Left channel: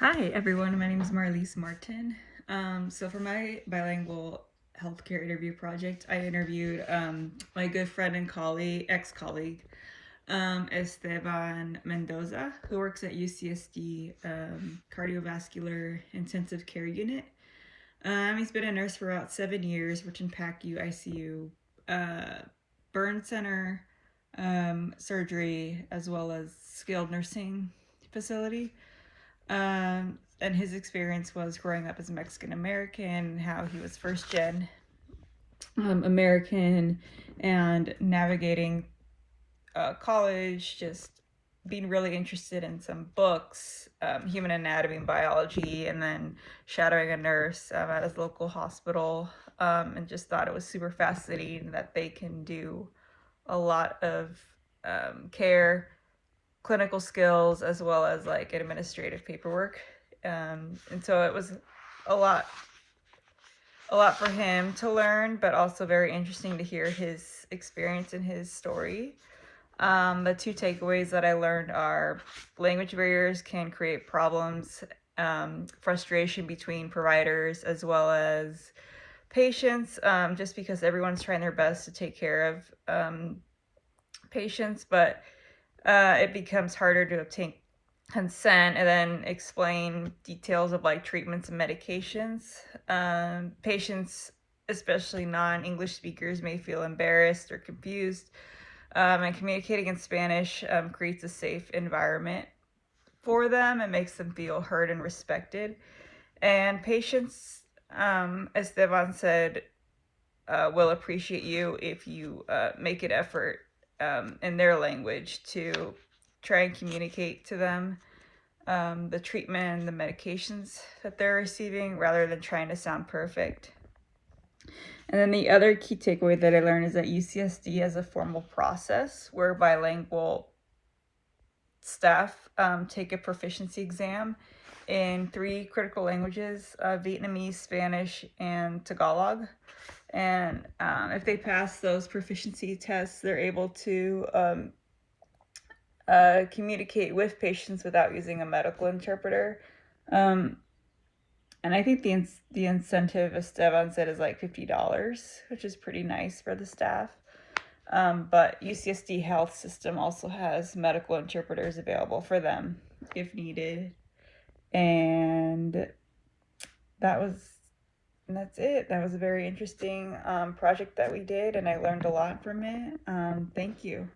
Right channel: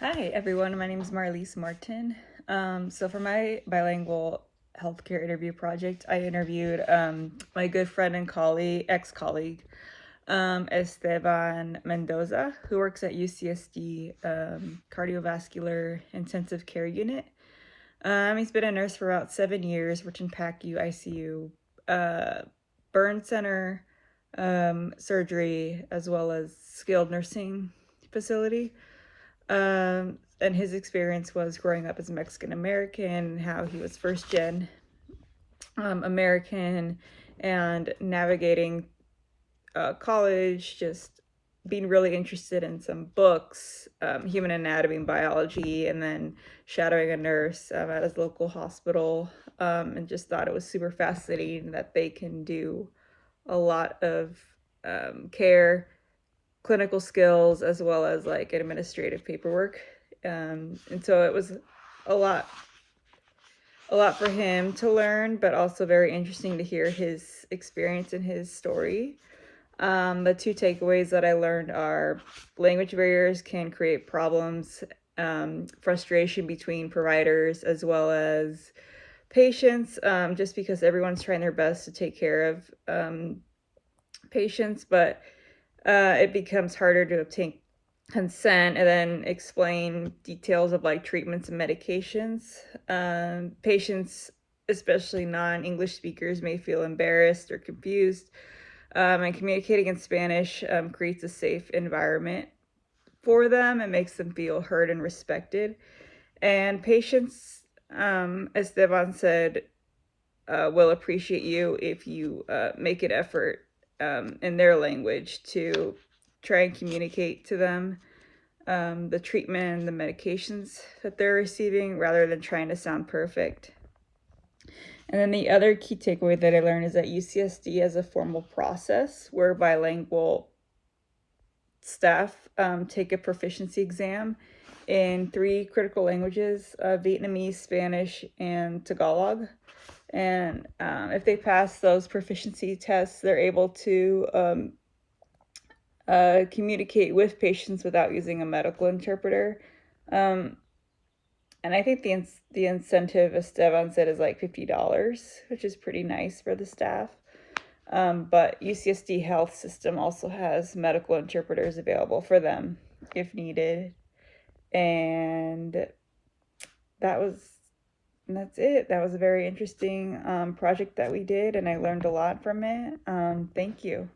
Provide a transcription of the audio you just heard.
Hi everyone, my name is Marlise Martin. So for my bilingual healthcare interview project, I interviewed my good friend and ex-colleague, Esteban Mendoza, who works at UCSD Cardiovascular Intensive Care Unit. He's been a nurse for about 7 years, worked in PACU, ICU, burn center, surgery, as well as skilled nursing facility. And his experience was growing up as a Mexican American, how he was first gen American, and navigating college, just being really interested in some books, human anatomy and biology, and then shadowing a nurse at his local hospital, and just thought it was super fascinating that they can do a lot of care, clinical skills, as well as like administrative paperwork. And so it was a lot for him to learn, but also very interesting to hear his experience and his story. The two takeaways that I learned are language barriers can create problems, frustration between providers as well as patients, just because everyone's trying their best to take care of patients, but it becomes harder to obtain consent and then explain details of like treatments and medications. Patients, especially non-English speakers, may feel embarrassed or confused, and communicating in Spanish creates a safe environment for them. It makes them feel heard and respected. And patients, as Esteban said, will appreciate you if you make an effort in their language to try and communicate to them the treatment and the medications that they're receiving rather than trying to sound perfect. And then the other key takeaway that I learned is that UCSD has a formal process where bilingual staff take a proficiency exam in 3 critical languages, Vietnamese, Spanish, and Tagalog. And if they pass those proficiency tests, they're able to communicate with patients without using a medical interpreter. And I think the incentive, as Esteban said, is like $50, which is pretty nice for the staff. But UCSD Health System also has medical interpreters available for them if needed. And that's it. That was a very interesting project that we did, and I learned a lot from it. Thank you.